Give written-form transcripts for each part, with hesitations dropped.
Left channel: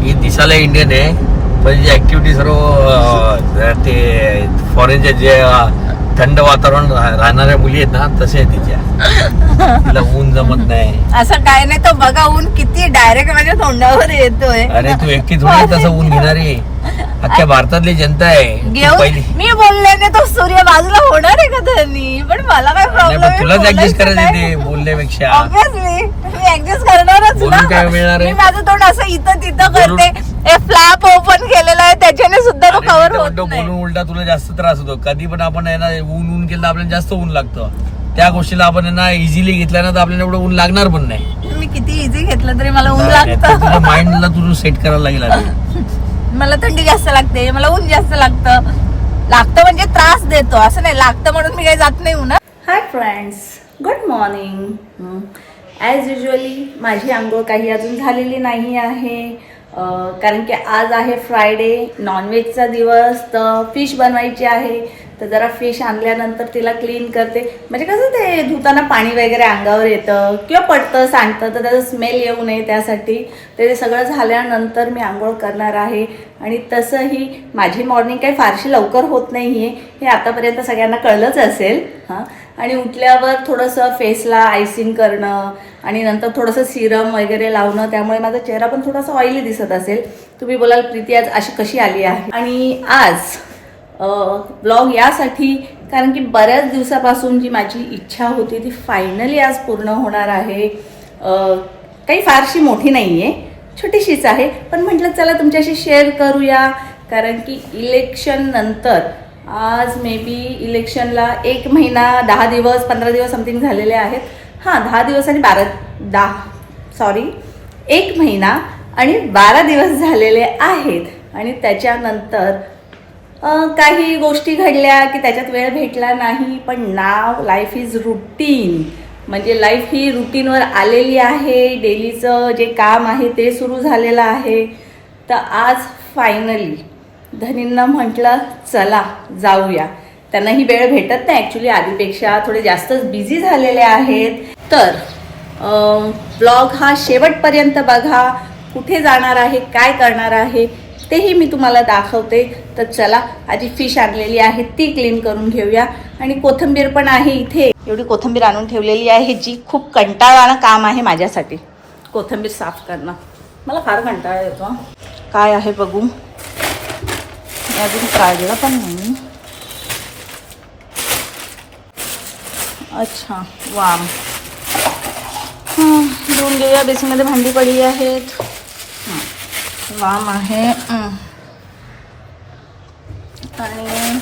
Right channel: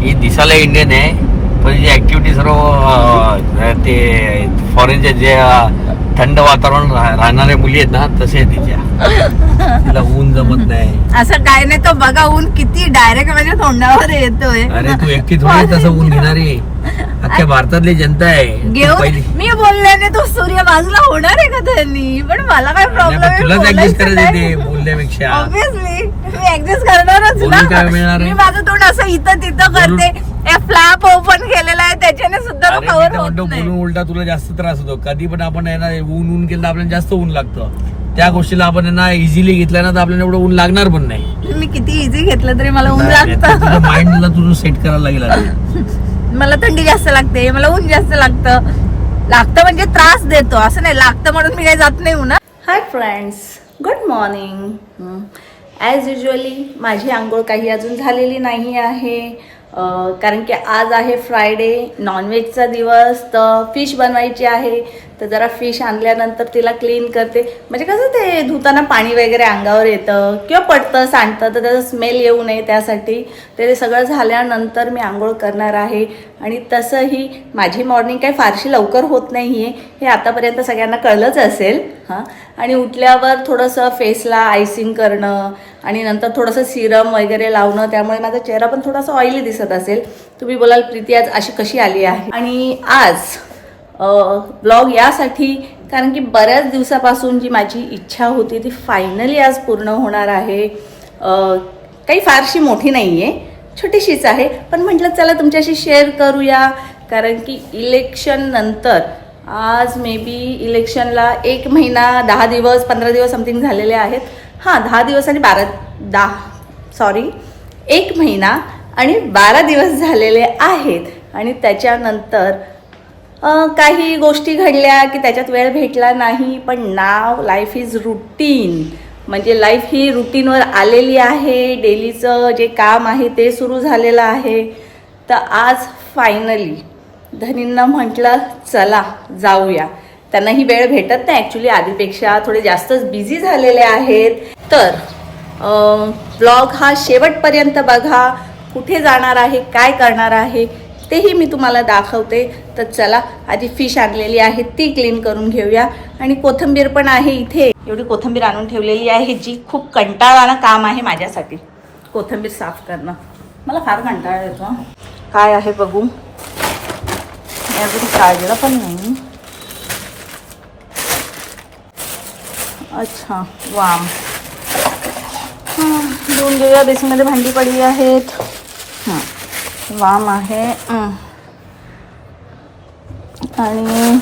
ही दिसायला इंडियन आहे पण जी ऍक्टिव्हिटी सर्व ते फॉरेनच्या जे थंड वातावरण राहणाऱ्या मुली आहेत ना तसे आहेत तिच्या. तिला ऊन जमत नाही. असं काय नाही, तो बघा ऊन किती डायरेक्ट माझ्या तोंडावर येतोय. अरे तू एकटी थोडी तसं ऊन घेणारी, अख्ख्या भारतातली जनता आहे घेऊन. मी बोलल्याने तो सूर्य बाजूला होणार आहे का त्यांनी, पण मला काय प्रॉब्लेम. तुलाच ऍडजस्ट करायचं ते बोलण्यापेक्षा. ऑब्विसली मी ऍडजस्ट करणारच बोलून काय मिळणार ना. आहे? मी माझं तोंड असं इथं तिथं करते. फ्लॅप ओपन केलेला आहे त्याच्याने सुद्धा तो कव्हर होत नाही. बोलून उलटा तुला जास्त त्रास होतो. कधी पण आपण आहे ना ऊन केलं तर आपल्याला जास्त ऊन लागतं. त्या गोष्टीला आपण आहे ना इझिली घेतला ना तर आपल्याला एवढं ऊन लागणार पण नाही. मी किती इझी घेतलं तरी मला ऊन लागतं. माइंडला तुझं सेट करायला लागेल. मला थंडी जास्त लागते, मला ऊन जास्त लागतं म्हणजे त्रास देतो असं नाही, लागतं म्हणून मी काही जात नाही उन्हात. Hi friends, good morning. As usually माझी आंघोळ काही अजून झालेली नाही आहे, कारण की आज आहे फ्रायडे, नॉनव्हेजचा दिवस. तर फिश बनवायची आहे, तर जरा फिश आणल्यानंतर तिला क्लीन करते. म्हणजे कसं ते धुताना पाणी वगैरे अंगावर येतं किंवा पडतं सांडतं, तर त्याचा स्मेल येऊ नये त्यासाठी ते सगळं झाल्यानंतर मी आंघोळ करणार आहे. आणि तसंही माझी मॉर्निंग काही फारशी लवकर होत नाही आहे, हे आतापर्यंत सगळ्यांना कळलंच असेल. हां, आणि उठल्यावर थोडंसं फेसला आयसिंग करणं आणि नंतर थोडंसं सिरम वगैरे लावणं, त्यामुळे माझा चेहरा पण थोडासा ऑइली दिसत असेल. तुम्ही बोलाल प्रीती आज अशी कशी आली आहे. आणि आज ब्लॉग यासाठी कारण की बऱ्याच दिवसापासून जी माझी इच्छा होती ती फायनली आज पूर्ण होणार आहे. काही फारशी मोठी नाही आहे, छोटीशीच आहे, पण म्हटलं चला तुमच्याशी शेअर करूया. कारण की इलेक्शन नंतर आज मे बी इलेक्शनला 1 महिना 10 दिवस 15 दिवस समथिंग झालेले आहेत. हां, 10 दिवस आणि 1 महिना आणि 12 दिवस झालेले आहेत. आणि त्याच्यानंतर काही गोष्टी घडल्या की त्याच्यात वेळ भेटला नाही. पण नाव लाईफ इज रुटीन, म्हणजे लाईफ ही रुटीनवर आलेली आहे. डेलीचं जे काम आहे ते सुरू झालेलं आहे. तर आज फायनली धनींना म्हटलं चला जाऊया. त्यांनाही वेळ भेटत नाही ॲक्च्युली, आधीपेक्षा थोडे जास्तच बिझी झालेले आहेत. तर ब्लॉग हा शेवटपर्यंत बघा. कुठे जाणार आहे, काय करणार आहे तेही मी तुम्हाला दाखवते. तर चला, आधी फिश आणलेली आहे ती क्लीन करून घेऊया. आणि कोथिंबीर पण आहे इथे, एवढी कोथिंबीर आणून ठेवलेली आहे जी खूप कंटाळवाणं काम आहे माझ्यासाठी. कोथिंबीर साफ करणं मला फार कंटाळा येतो. काय आहे बघू, मी अजून काढलं पण नाही. अच्छा, वाम धुवून घेऊया. बेसिनमध्ये भांडी पडली आहेत. वाम आहे आणि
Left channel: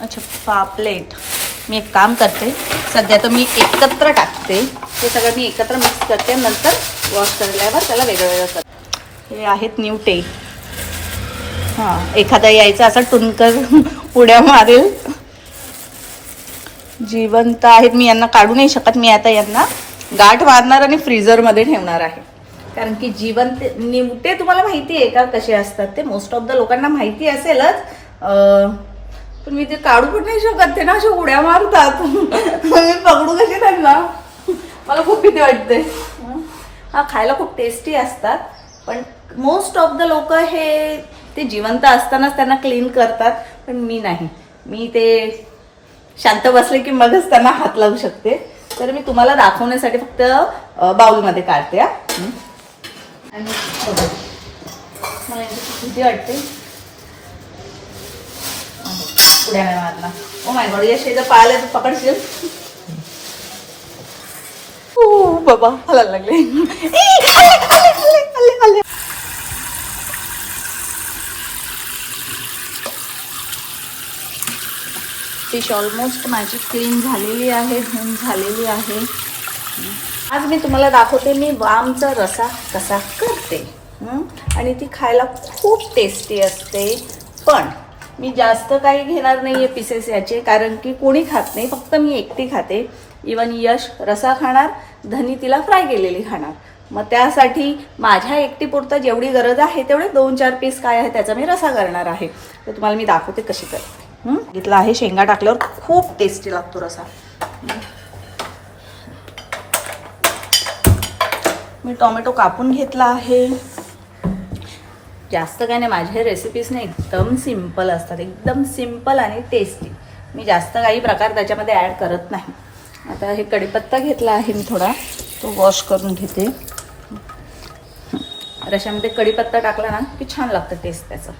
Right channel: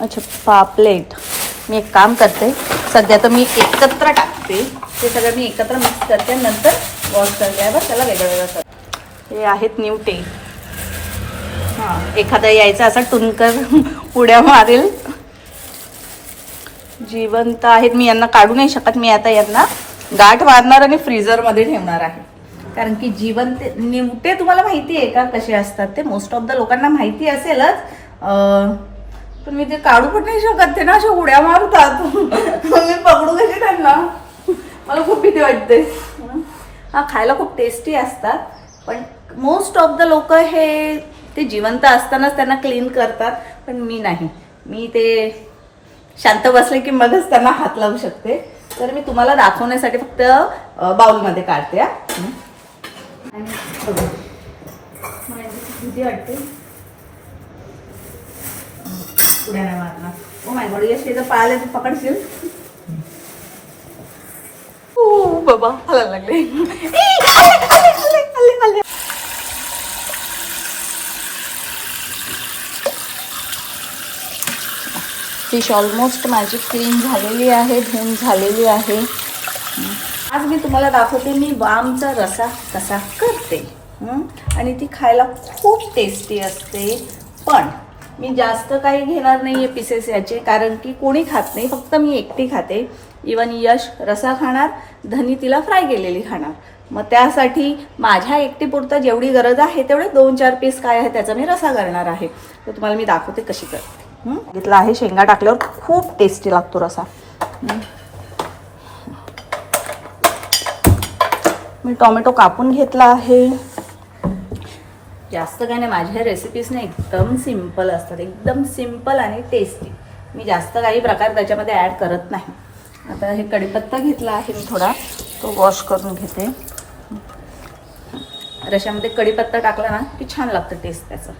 अच्छा पापलेट. मी एक काम करते, सध्या तर मी एकत्र टाकते, ते सगळं मी एकत्र मिक्स करते, नंतर वॉश करल्यावर त्याला वेगळं वेगळं करते. हे आहेत न्यूटे. हां, एखादा यायचा असा टुनकर उड्या मारेल. जिवंत आहेत, मी यांना काढू नाही शकत. मी आता यांना गाठ मारणार आणि फ्रीझरमध्ये ठेवणार आहे. कारण की जिवंत निवटे तुम्हाला माहिती आहे का कसे असतात ते, मोस्ट ऑफ द लोकांना माहिती असेलच, पण मी ते काढू पण नाही शकत. ते ना अशा उड्या मारतात. मी पकडू कशी त्यांना, मला खूप भीती वाटते. हा, खायला खूप टेस्टी असतात, पण मोस्ट ऑफ द लोक हे ते जिवंत असतानाच त्यांना क्लीन करतात, पण मी नाही. मी ते शांत बसले की मगच त्यांना हात लावू शकते. तर मी तुम्हाला दाखवण्यासाठी फक्त बाउलमध्ये काढते. मला भीती वाटते उड्या नाही मारणार. ओ माय गॉड, या शेजा पाळले तर पकडशील. ओ बाबा, हलायला लागले. फिश ऑलमोस्ट माझी क्लीन झालेली आहे, धुवून झालेली आहे. आज मी तुम्हाला दाखवते मी वामचा रसा कसा करते. आणि ती खायला खूप टेस्टी असते. पण मी जास्त काही घेणार नाही आहे पीसेस याचे, कारण की कोणी खात नाही, फक्त मी एकटी खाते. इवन यश रसा खाणार, धनी तिला फ्राय केलेली खाणार. मग त्यासाठी माझ्या एकटीपुरतं जेवढी गरज आहे तेवढे 2-4 पीस काय आहे त्याचा मी रसा करणार आहे. तर तुम्हाला मी दाखवते कशी करते. घेतला आहे, शेंगा टाकल्यावर खूप टेस्टी लागतो रसा. मी टोमॅटो कापून घेतला आहे. जास्त काय नाही, माझ्या रेसिपीज ना एकदम सिम्पल असतात, एकदम सिम्पल आणि टेस्टी. मी जास्त काही प्रकार त्याच्यामध्ये ॲड करत नाही. आता हे कढीपत्ता घेतला आहे मी थोडा, तो वॉश करून घेते. रशामध्ये कढीपत्ता टाकला ना की छान लागतं टेस्ट त्याचं.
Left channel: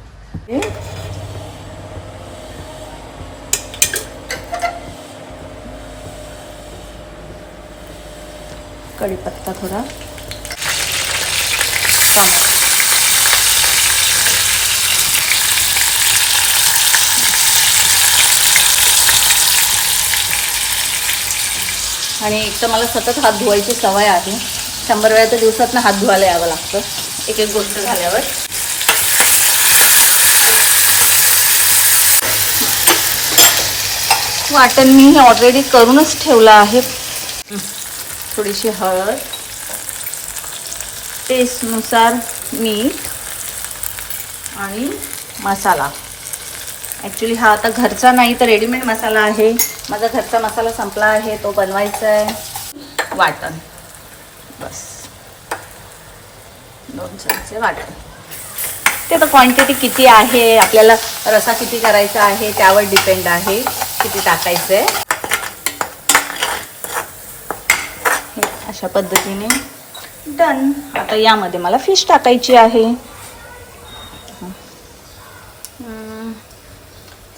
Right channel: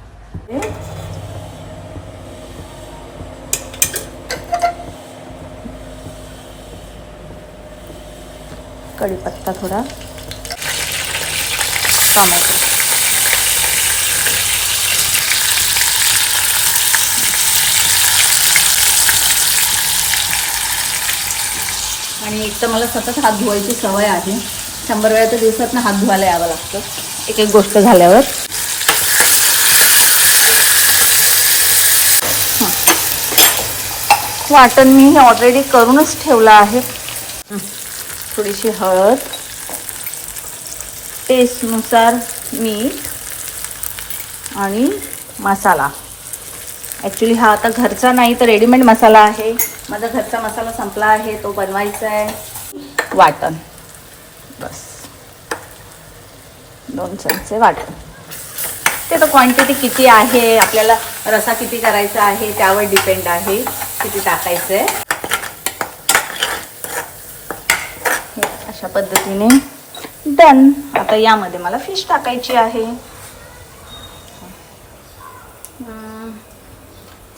कढीपत्ता थोडा, टोमॅटो, आणि एक तर मला सतत हात धुवायची सवय आहे. 100 वेळा तर दिवसातनं हात धुवायला यावं लागतं एक एक गोष्ट झाल्यावर. वाटण मी हे ऑलरेडी करूनच ठेवलं आहे. थोडीशी हळद, टेस्टनुसार मीठ आणि मसाला. ॲक्च्युली हा आता घरचा नाही तर रेडीमेड मसाला आहे. माझा घरचा मसाला संपला आहे, तो बनवायचा आहे. वाटण बस 2 चमचे वाटण. ते तर क्वांटिटी किती आहे, आपल्याला रसा किती करायचा आहे त्यावर डिपेंड आहे किती टाकायचं आहे. हे अशा पद्धतीने डन. आता यामध्ये मला फिश टाकायची आहे.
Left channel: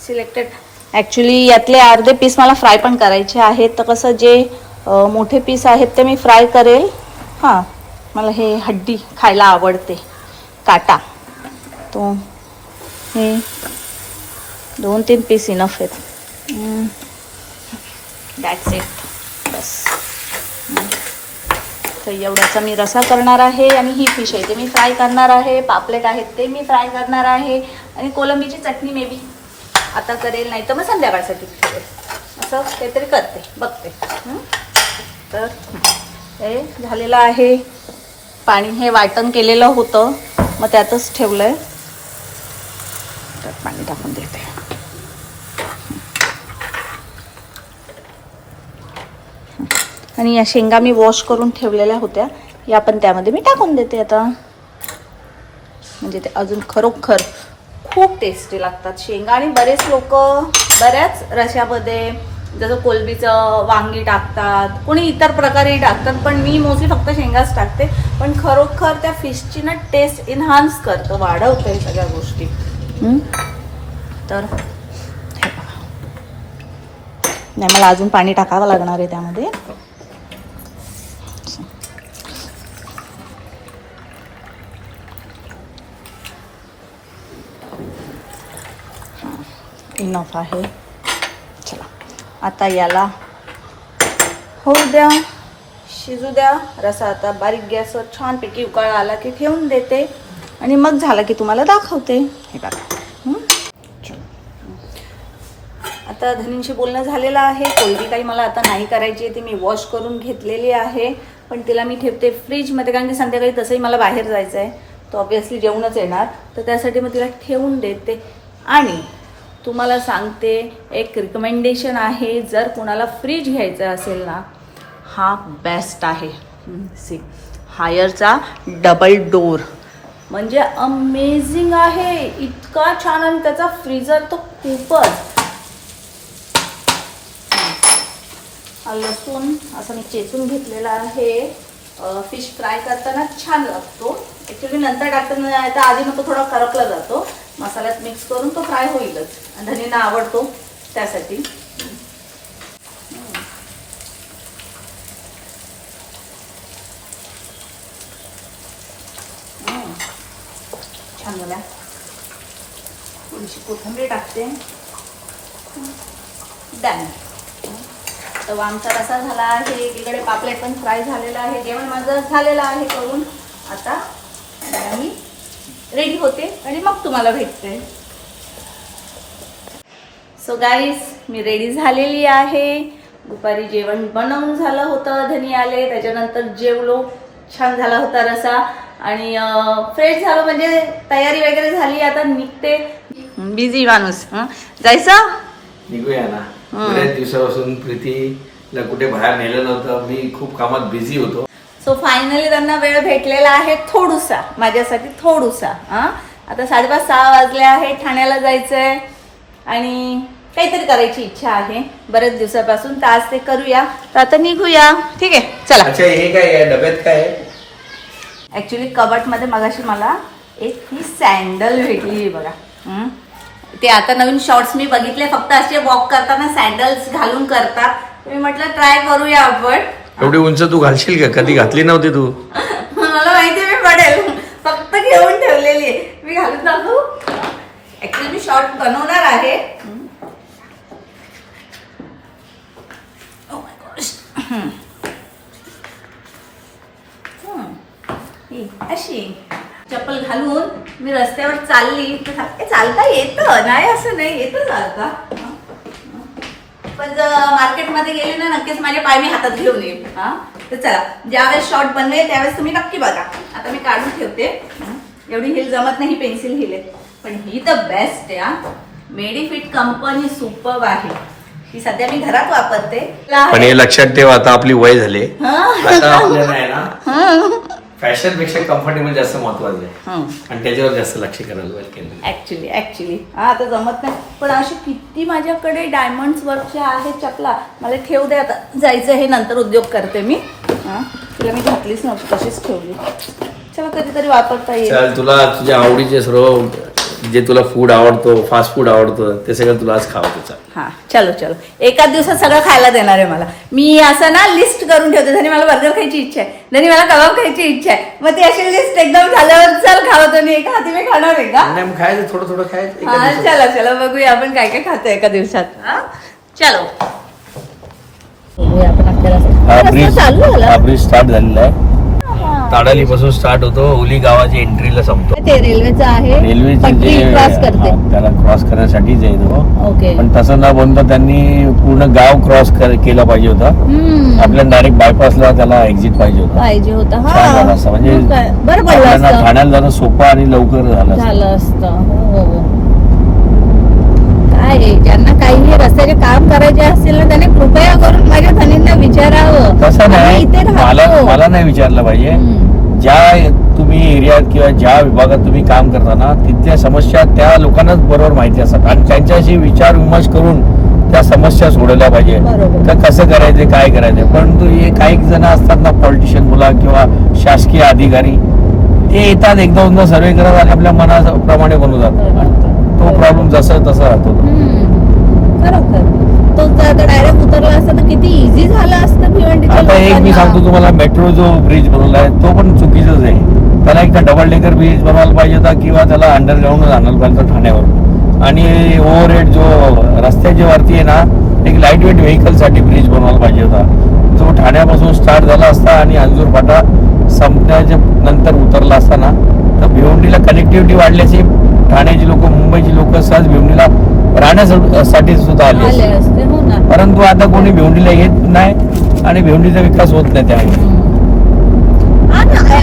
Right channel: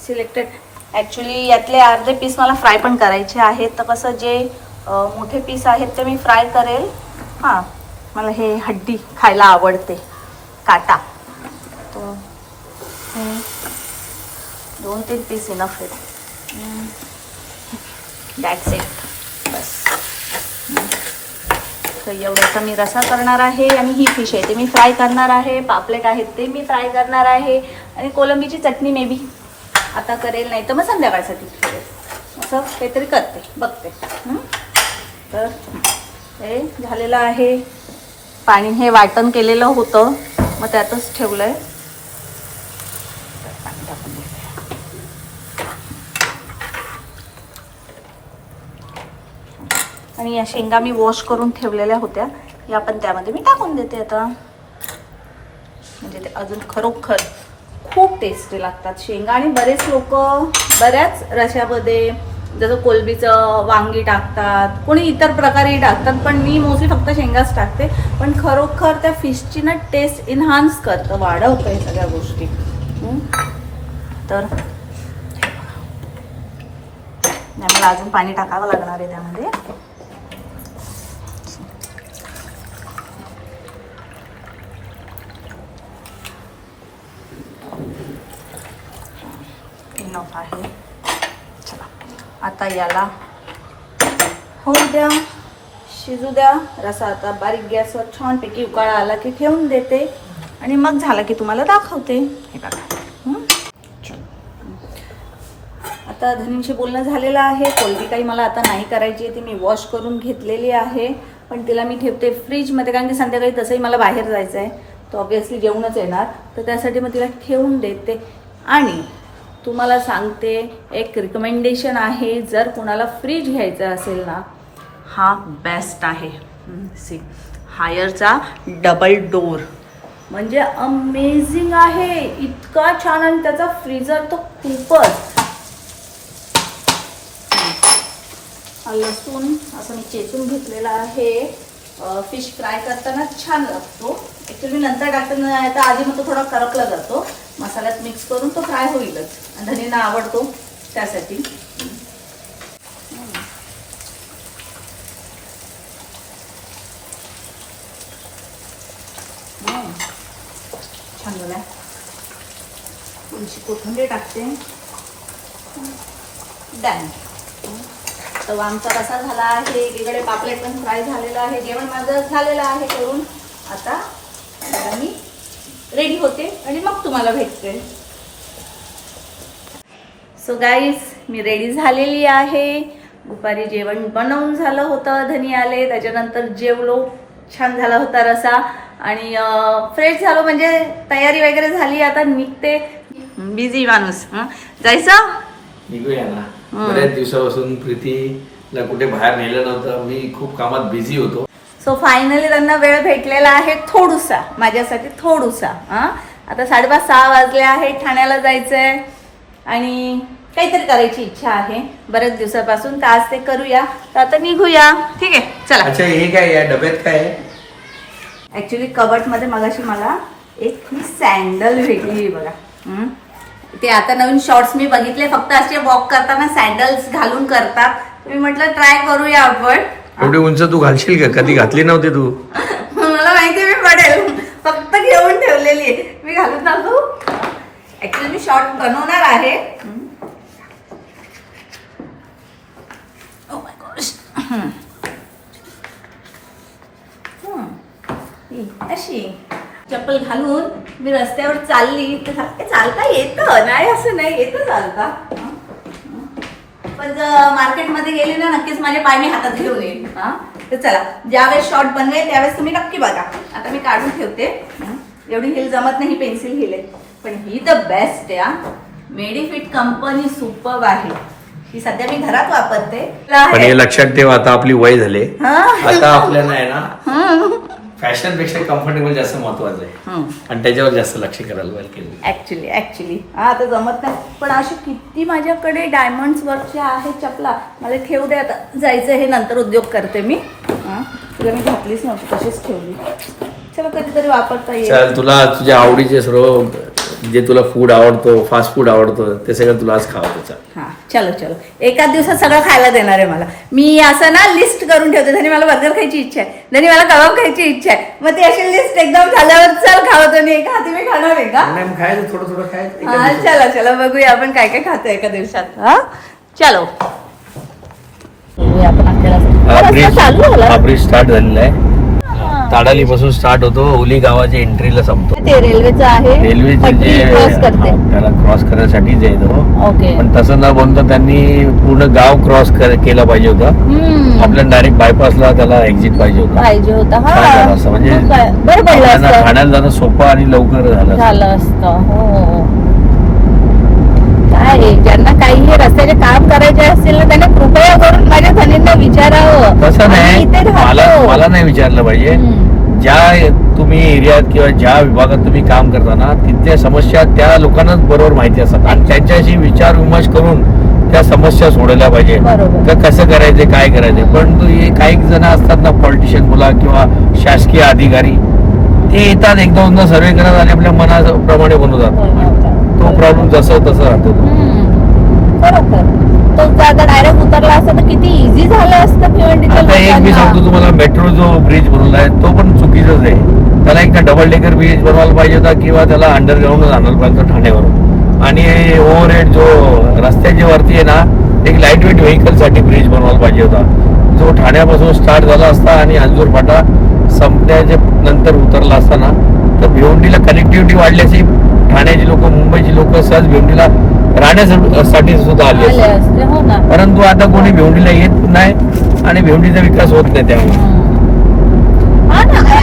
सिलेक्टेड. ॲक्च्युली यातले अर्धे पीस मला फ्राय पण करायचे आहेत. तर कसं जे मोठे पीस आहेत ते मी फ्राय करेल. हां, मला हे हड्डी खायला आवडते, काटा. तो हे 2-3 पीस इनफ आहेत. That's it. बस. तर एवढ्याचा मी रसा करणार आहे. आणि ही फिश आहे ते मी फ्राय करणार आहे. पापलेट आहेत ते मी फ्राय करणार आहे. आणि कोलंबीची चटणी मे बी आता करेल, नाही तर मग संध्याकाळसाठी ठेवेल. असं काहीतरी करते, बघते. तर हे झालेलं आहे. पाणी हे वाटण केलेलं होतं, मग त्यातच ठेवलं आहे. तर पाणी टाकून देते. आणि या शेंगा मी वॉश करून ठेवलेल्या होत्या, या पण त्यामध्ये मी टाकून देते आता. म्हणजे ते अजून खरोखर खूप टेस्टी लागतात शेंगा. आणि बरेच लोक बऱ्याच रशामध्ये जसं कोलंबीचं वांगी टाकतात, कोणी इतर प्रकारे टाकतात, पण मी मोस्टली फक्त शेंगाच टाकते. पण खरोखर त्या फिशची ना टेस्ट इन्हान्स करतं, वाढवतं हे सगळ्या गोष्टी. तर नाही, मला अजून पाणी टाकावं लागणार आहे त्यामध्ये. इनफ आहे. चला आता याला होऊ द्या, शिजू द्या. रसा आता बारीक गॅसवर छानपैकी उकाळा आला की ठेवून देते. आणि मग झाला की तुम्हाला दाखवते. हे बघा. आता धनींशी बोलणं झालेलं आहे. कोलंबी काही मला आता नाही करायची आहे, ती मी वॉश करून घेतलेली आहे. पण तिला मी ठेवते फ्रीजमध्ये, कारण की संध्याकाळी तसंही मला बाहेर जायचं आहे. तो ऑब्व्हियसली जेवणच येणार, तर त्यासाठी मग तिला ठेवून देते. आणि तुम्हाला सांगते एक रिकमेंडेशन आहे, जर कुणाला फ्रीज घ्यायचं असेल ना, हा बेस्ट आहे. सी हायरचा डबल डोर, म्हणजे अमेझिंग आहे. इतका छान. आणि त्याचा फ्रीजर तो खूपच. लसूण असं मी चेचून घेतलेला आहे. फिश फ्राय करताना छान लागतो. ॲक्च्युली नंतर टाकताना तर आधी मग तो थोडा करपला जातो. मसाल्यात मिक्स करून तो फ्राय होईलच. धनींना आवडतो त्यासाठी. छान झाला. थोडीशी कोथिंबीर टाकते. डन. तर आमचा रसा झाला आहे. एकीकडे पापलेट पण फ्राय झालेलं आहे. जेवण माझं झालेलं आहे करून. आता मी रेडी होते आणि मग तुम्हाला भेटते. सो गाईज, मी रेडी झालेली आहे. दुपारी जेवण बनवून झालं होतं, धनी आले, त्याच्यानंतर जेवलो. छान झाला होता रसा. आणि फ्रेश झालो, म्हणजे तयारी वगैरे झाली. आता निघते. बिझी माणूस. जायचं निघूया ना. बऱ्याच दिवसापासून प्रीतीला कुठे बाहेर नेलं नव्हतं. मी खूप कामात बिझी होतो. सो फायनली त्यांना वेळ भेटलेला आहे थोडूसा, माझ्यासाठी थोडूसा. आता 5:30-6 वाजले आहे, ठाण्याला जायचंय आणि काहीतरी करायची इच्छा आहे बरेच दिवसापासून, तर आज ते करूया. तर आता निघूया. ठीक आहे, चला. अच्छा, हे काय या डब्यात काय आहे? ऍक्च्युली कबटमध्ये मगाशी मला एक ही सँडल भेटली बघा. ते आता नवीन शॉर्ट्स मी बघितले, फक्त असे वॉक करताना सँडल्स घालून करतात. मी म्हटलं ट्राय करूया आपण. एवढी उंच तू घालशील का? कधी घातली नव्हती तू. मला माहिती मी पडेल, फक्त घेऊन ठेवलेली आहे. मी घालून टाकू. ऍक्च्युली मी शॉर्ट बनवणार आहे. Oh my gosh. अशी चप्पल घालून मी रस्त्यावर चालली तर चालता येतं, नाही असं नाही, येतं चालता. पण जर मार्केटमध्ये गेली ना, नक्कीच माझे पाय मी हातात घेऊन येईल. तर चला, ज्यावेळेस शॉर्ट बनवेल त्यावेळेस तुम्ही नक्की बघा. आता मी काढून ठेवते. एवढी हिल जमत नाही, पेन्सिल हिल आहे, पण ही तर बेस्ट आहे. मेडिफिट कंपनी सुपर्ब आहे. ही सध्या मी घरात वापरते. पण हे लक्षात ठेव, आता आपली वय झाली, आता आपल्याला आहे ना फॅशन पेक्षा कम्फर्टेबल जास्त महत्वाचं आहे आणि त्याच्यावर जास्त लक्ष करायला लागेल. ऍक्च्युली आता जमत नाही, पण असे किती माझ्याकडे डायमंड्स वर्कच्या आहेत चपला. मला ठेवू दे, आता जायचं हे नंतर उद्योग करते मी. तुला मी घातलीच नव्हती, तशीच ठेवली. चला, कधीतरी वापरता येईल. तुला तुझ्या आवडीचे सर्व जे तुला फूड आवडतो, फास्ट फूड आवडतो, ते सगळं तुला आज खावं. हा, चलो एकाच दिवसात सगळं खायला देणार आहे मला. मी असं ना लिस्ट करून ठेवते. धनी मला बर्गर खायची इच्छा आहे, धनी मला कबाब खायची इच्छा आहे. मग ती अशी लिस्ट एकदम झाल्यावर चल खावतो. नाही का तुम्ही खाणार आहे का? नाही, खायचं थोडं खायचं. हा, चला बघूया आपण काय काय खातो एका दिवसात. चलो, आपण आपल्याला ब्रिज स्टार्ट झालेला आहे. ताडाली पासून स्टार्ट होतो, ओली गावाच्या एंट्रीला संपतो. ते रेल्वेचं आहे, रेल्वे क्रॉस करते. त्याला क्रॉस करण्यासाठीच येतो. ओके, पण तसं न बनता त्यांनी पूर्ण गाव क्रॉस केला पाहिजे होता. आपल्याला डायरेक्ट बायपासला त्याला एक्झिट पाहिजे होता. म्हणजे बरं पडलं असतं, ठाण्याला जाणं सोपं आणि लवकर झालं असतं. हो, काय ज्यांना काही रस्त्याचे काम करायचे असतील ना, त्यांना कृपया करून माझ्या धनींना विचारावं. तसं नाही, मला नाही विचारलं पाहिजे. ज्या तुम्ही एरियात किंवा ज्या विभागात तुम्ही काम करताना तिथल्या समस्या त्या लोकांनाच बरोबर माहिती असतात आणि त्यांच्याशी विचार विमर्श करून त्या समस्या सोडवल्या पाहिजे. कसं करायचं, काय करायचं. पण हे काही जण असतात ना, पॉलिटिशियन बोला किंवा शासकीय अधिकारी, ते येतात एकदा दोनदा सर्वे करतात आणि आपल्या मनाप्रमाणे बनवतात. तो प्रॉब्लेम जसं तसं राहतो. खरोखर तो आता डायरेक्ट उतरला असता तर किती इझी झालं असतं भिवंडीच्या लोकांना. एक मी सांगतो तुम्हाला, मेट्रो जो ब्रिज बनवलाय तो पण चुकीचाच आहे. त्याला एक डबल डेकर ब्रिज बनवायला पाहिजे होता किंवा त्याला अंडरग्राऊंड आणायला पाहिजे होतं ठाण्यावरून. आणि ओव्हरहेड जो रस्त्याच्या वरती आहे ना, एक लाईट वेट व्हेकल साठी ब्रिज बनवायला पाहिजे होता. जो ठाण्यापासून स्टार्ट झाला असता आणि अंजूर फाटा संपण्याच्या नंतर उतरला असताना तर भिवंडीला कनेक्टिव्हिटी वाढल्याची ठाण्याची लोक, मुंबईची लोक सहज भिवंडीला राहण्यासाठी सुद्धा आले असते. परंतु आता कोणी भिवंडीला येत नाही आणि भिवंडीचा विकास होत नाही. त्यावेळी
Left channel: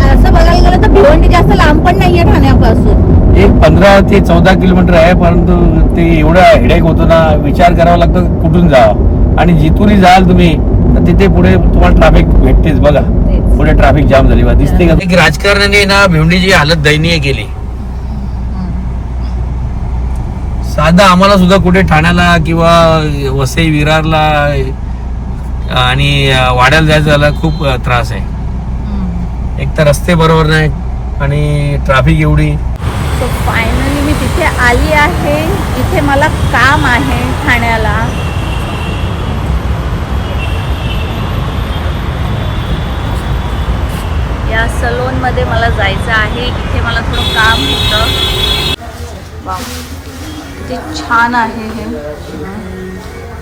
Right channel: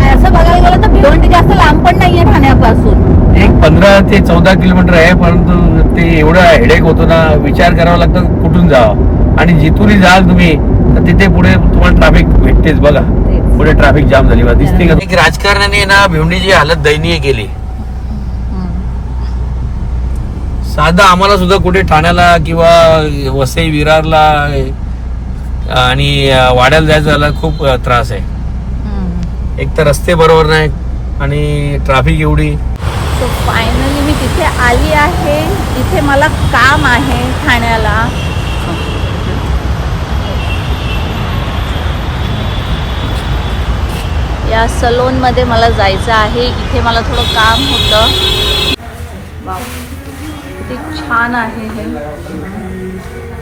असं बघायला गेलं तर भिवंडी जास्त लांब पण नाहीये ठाण्यापासून. एक 15 ते 14 किलोमीटर आहे, परंतु ते एवढा हेडेक होतो ना, विचार करावा लागतो कुठून जावं. आणि जिथूनही जाल तुम्ही तर तिथे पुढे तुम्हाला ट्रॅफिक भेटतेच. बघा पुढे ट्रॅफिक जाम झाली दिसते का. राजकारणाने ना भिवंडीची हालत दयनीय केली. साधा आम्हाला सुद्धा कुठे ठाण्याला किंवा वसई विरारला आणि वाड्याला जायचं झाला खूप त्रास आहे. एक तर रस्ते बरोबर नाही आणि ट्रॅफिक एवढी. सो फायनली मी तिथे आली आहे. इथे मला काम आहे ठाण्याला. या सलोन मध्ये मला जायचं आहे. इथे मला थोडं काम होतं. वाव, किती छान आहे हे.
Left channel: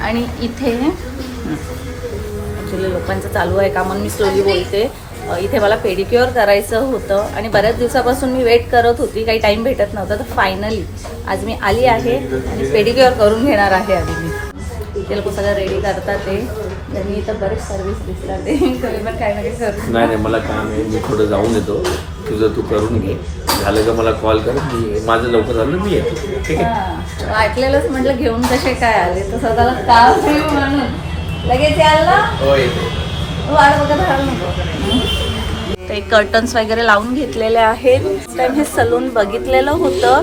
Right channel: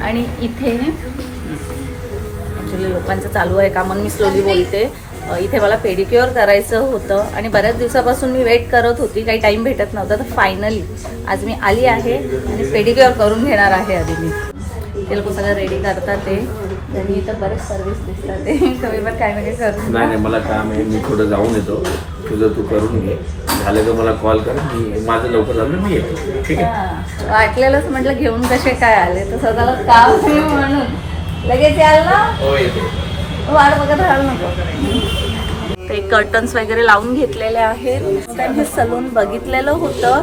आणि इथे ॲक्च्युली लोकांचं चालू आहे काम म्हणून मी स्लोली बोलते. इथे मला पेडिक्युअर करायचं होतं आणि बऱ्याच दिवसापासून मी वेट करत होती, काही टाईम भेटत नव्हता. तर फायनली आज मी आली आहे आणि पेडिक्युअर करून घेणार आहे. आधी मी ते लोक सगळं रेडी करतात ते. त्यांनी इथं बरेच सर्व्हिस दिसतात ते. तुम्ही पण काही ना काही करू. नाही, मला काम आहे, मी थोडं जाऊन येतो. तुझं तू करून घे, झालं तर मला कॉल कर. मी माझं लवकर झालं मी येतो. ठीक आहे. वाटलेलंच म्हटलं घेऊन कसे काय आले, तर स्वतःला काम म्हणून लगेच याल ना. हो, येतो. वाट बघत राहायला नको. ते कर्टन्स वगैरे लावून घेतलेले आहेत. टाइम हे सलून बघितलेलं होतं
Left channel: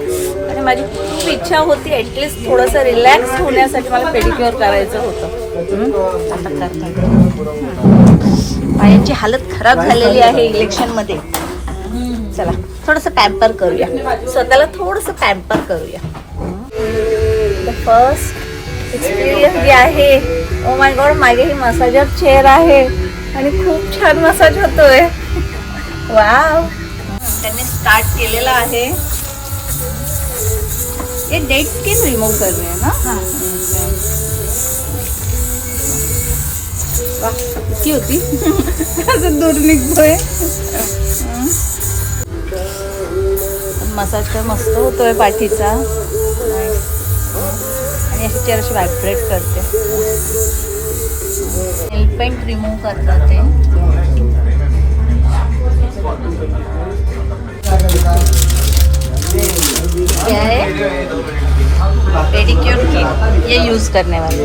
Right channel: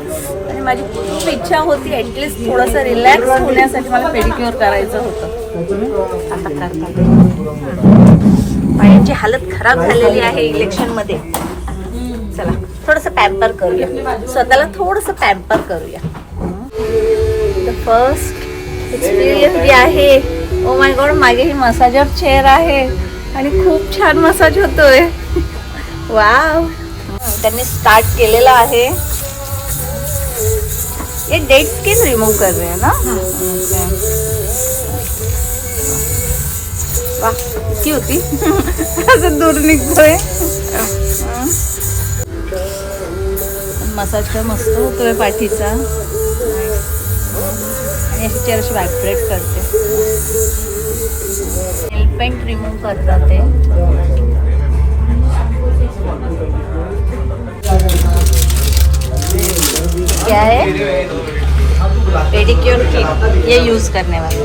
आणि माझी खूप इच्छा होती ॲटलिस्ट थोडंसं रिलॅक्स होण्यासाठी मला पेडिक्युअर करायचं होतं. आता करतात. पायांची हालत खराब झालेली आहे इलेक्शनमध्ये. चला थोडंसं पॅम्पर करूया, स्वतःला थोडंसं पॅम्पर करूया. द फर्स्ट एक्सपिरियन्स जे आहे, ओ माय गॉड, मागे ही मसाजर चेअर आहे आणि खूप छान मसाज होतोय. वाव, त्यांनी स्टार्ट केलेला आहे. ये डेड स्किन रिमूव्ह कर रहे हैं ना. वा, किती होती असं दूर निघतोय. मसाज तर मस्त होतोय पाठीचा आणि अशी चेअर अशी व्हायब्रेट करते. नेल पेंट रिमूव्ह करतात ते. क्या है? पेडिक्योर किट, ये यूज करने वाले.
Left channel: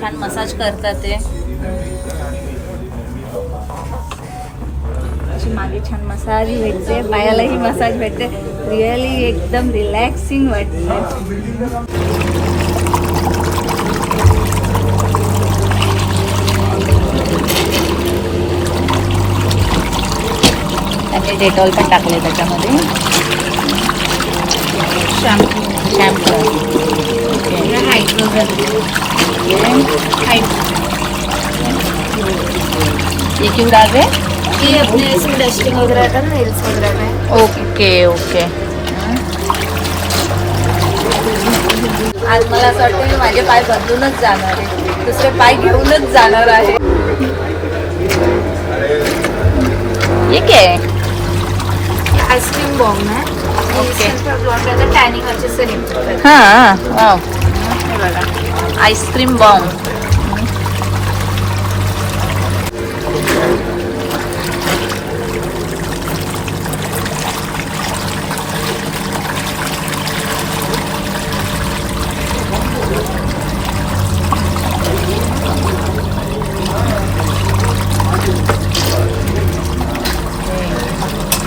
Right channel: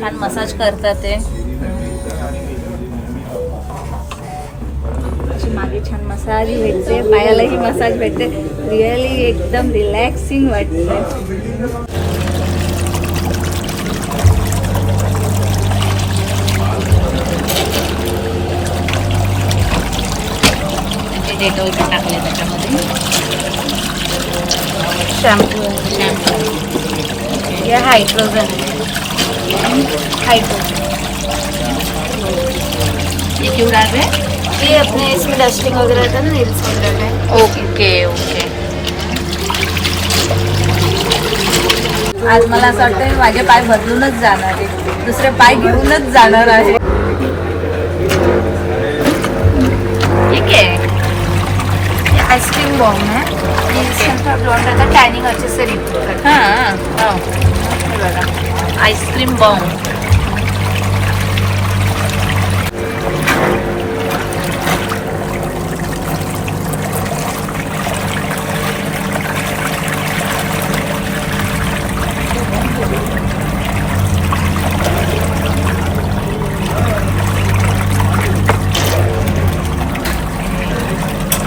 छान मसाज करतात ते. अशी मागे छान मसाज भेटते, पायालाही मसाज भेटते. रिअली एकदम रिलॅक्सिंग वाटते. त्यांनी डेटॉल पण टाकले त्याच्यामध्ये. शॅम्पू ये हाइड्रोजन, ये क्यों डाल रहे? ये अपने इसमें डस्टिंग वगैरह रहता है ना, नेल्स वगैरह में. Okay okay. आज मला असं वाटतं मी माझे पाय बदलूनच जाणार आहे, दुसरे पाय घेऊनच जाणार आहे. ठीक आहे. ये आइसक्रीम बॉम है, टॅनिंग अच्छे से रिमूव करता है. हाँ, वाव, हे बघा आइसक्रीम बॉम.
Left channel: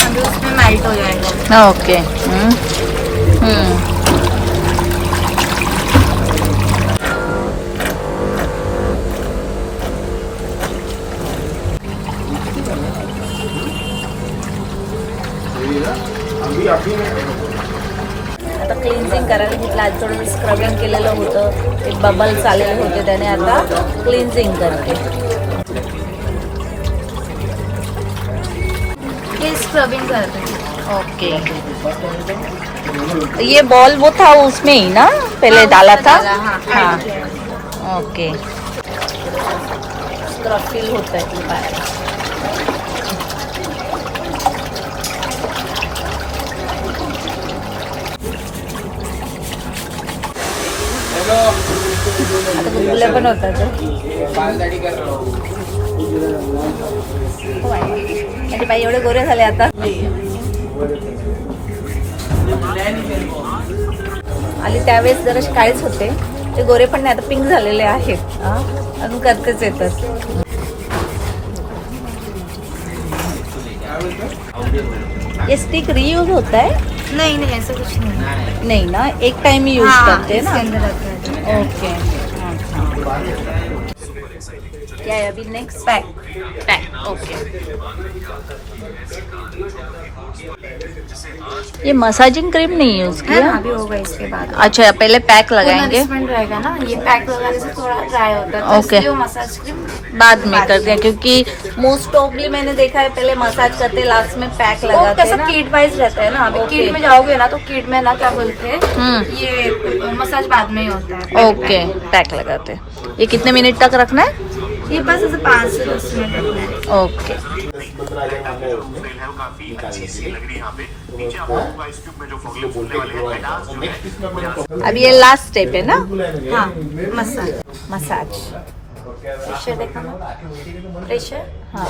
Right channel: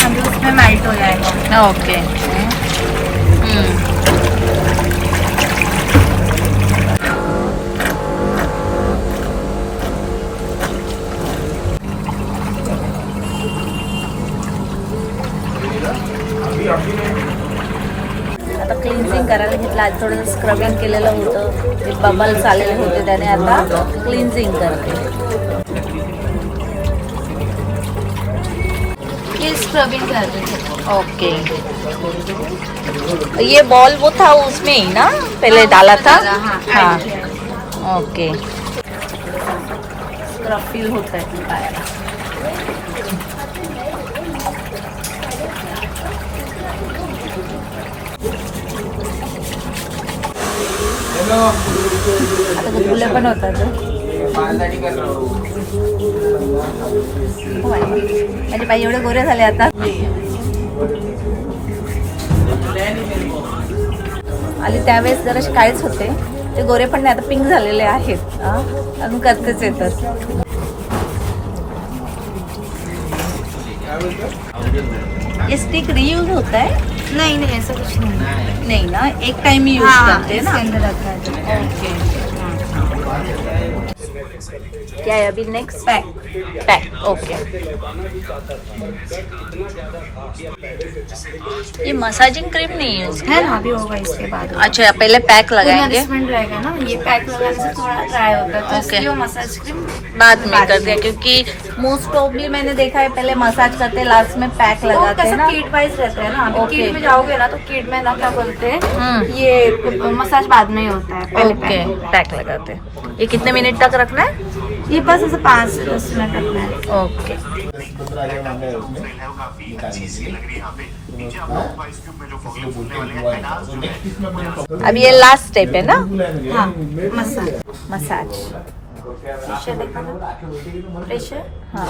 अभी उसमें मेल्ट हो जाएगा. ओके. आता क्लिन्झिंग करायला घेतलं. आज थोडंसं स्क्रबिंग केलेलं होतं, ते बबल्स आलेले होते, त्याने आता क्लिन्झिंग करते. ये स्क्रबिंग कर रही है. ओके. ये बॉल वो था उसमें ही ना पहले डाला था. हाँ, ओके. स्क्रब फील होत आहे पायाला. आता गुलगुल्या पण होतात. माझे पाय एवढे गोरे झाले आता. आली त्यावेळेस जराशे काळेच होते, ते गोरे पण नाही, आता पिंक झालेले आहेत. अजून करतेच येतात. ये स्टिक रीयूज होता है? नहीं नहीं ऐसा कुछ नहीं. नहीं ना, एक टाइम यूज करते हैं ना. इसके अंदर रखा है. ओके. क्या है अभी नेक्स्ट? पैक. ओके. ये मसाजिंग क्रीम नहीं यूज है ना, अभी होगा इसके बाद. अच्छा, पहले पैक लगाएंगे, नरिशमेंट रहेगा ना. ये पैक लगाने से थोड़ा ड्राई होता है, तो ओके. इसलिए वो मसाज क्रीम बाद में करते हैं, क्योंकि मोस्ट प्रॉब्ली मैंने देखा है पहले मसाज करते हैं, लास्ट में पैक लगाते हैं ना. किट वाइज रहता है ना. ओके. किट में जाओगे ना तो किट में ना क्या बोलते हैं, ये मसाज बाद में ही होता है. पहले ओके, पैक लगाते हैं. ये कितने मिनट तक रखना है? ये बस ऐसे 5 से 10 मिनट रखना है. ओके. अभी ये लास्ट स्टेप है ना, हाँ मसाज मसाज. प्रेशर देखा ना, प्रेशर हाँ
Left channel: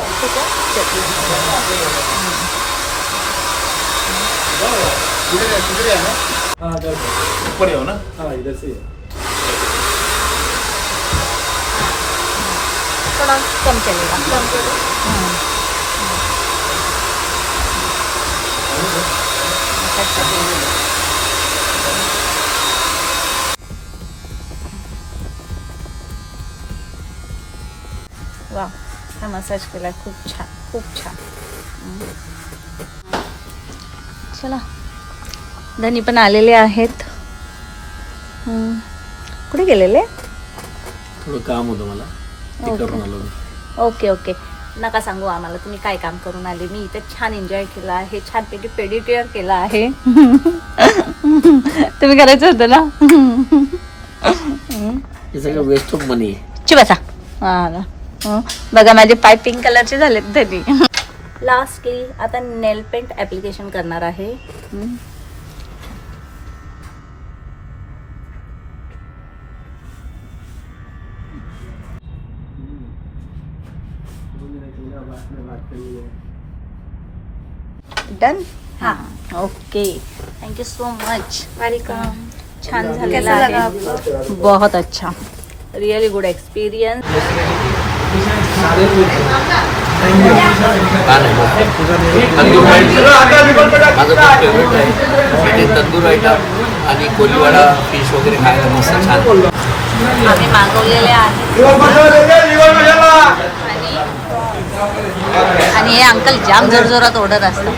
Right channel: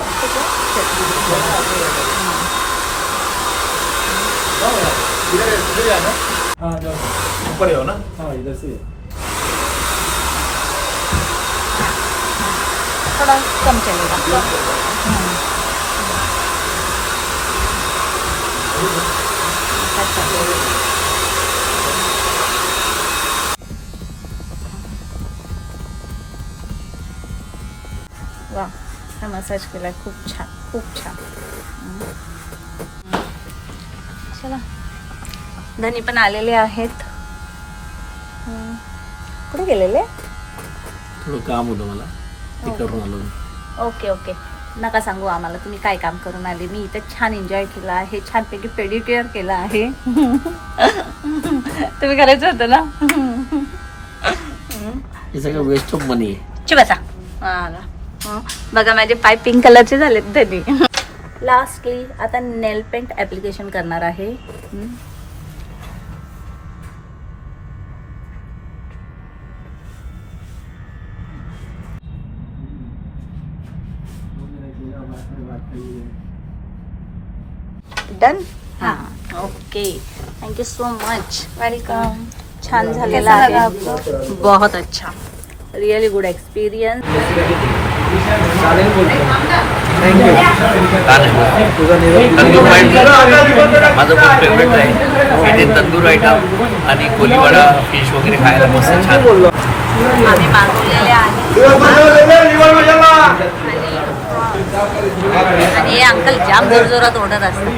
ऊपर हो ना, हाँ इधर से. थोड़ा कम चलेगा. वा, हा मसाज केलाय खूप छान, खूप छान. चला, धनी पण आलेले आहेत. कुठे गेलेले? थोडं काम होतं मला, ते करून आलो मी. ओके ओके, नका सांगू आम्हाला तुम्ही काय काम करून आले. मी इथे छान एन्जॉय केला आहे, छानपैकी पेडिक्युअर केला आहे. तुम्ही करायचं होतं ना. हे सगळं वेस्ट ऑफ मनी. बसा. हा ना. बघा माझे पाय पिंक कलरचे झालेत धनी. लास्टली आता नेल पेंट ऍप्लिकेशन करणार आहे. डन. हां okay, thank you so much. Welcome. छान झालेला कैसा लगा आहे. बहुत अच्छा, रियली गुड एक्सपिरियन्स. तंदूर वाईट माझं खूप फेवरेट आहे. इथे तंदूर आयटम आणि कोलीवाडा फिश वगैरे खायला मस्त छान. आम्ही मागवलेले आहे आणि हे अंकल जाम जोरजोरात ओढत असतात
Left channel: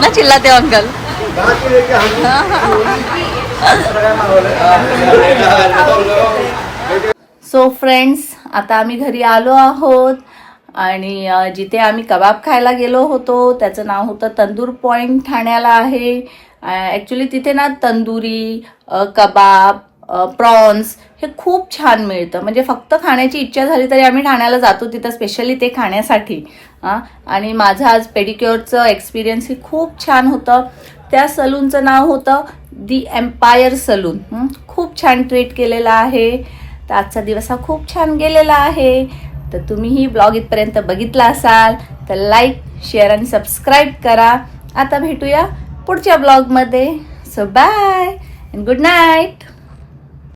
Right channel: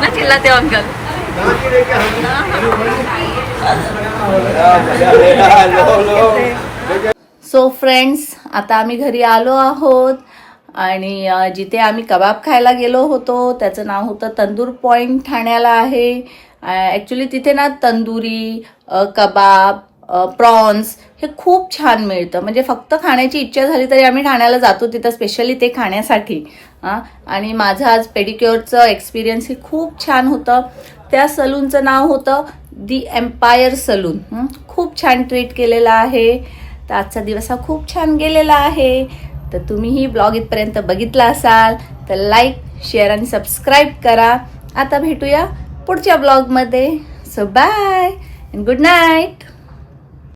ना. चिल्लाते अंकल. सो फ्रेंड्स, आता आम्ही घरी आलो आहोत आणि जिथे आम्ही कबाब खायला गेलो होतो त्याचं नाव होतं तंदूर पॉईंट, ठाण्याला आहे. ॲक्च्युली तिथे ना तंदुरी, कबाब, प्रॉन्स हे खूप छान मिळतं. म्हणजे फक्त खाण्याची इच्छा झाली तरी आम्ही ठाण्याला जातो तिथं स्पेशली ते खाण्यासाठी. आणि माझं आज पेडिक्युअरचं एक्सपिरियन्स हे खूप छान होतं. त्या सलूनचं नाव होतं दी एम्पायर सलून. खूप छान ट्रीट केलेलं आहे. तर आजचा दिवस हा खूप छान गेलेला आहे. तर तुम्हीही ब्लॉग इथपर्यंत बघितला असाल तर लाईक, शेअर आणि सबस्क्राईब करा. आता भेटूया पुढच्या ब्लॉगमध्ये. So bye and good night.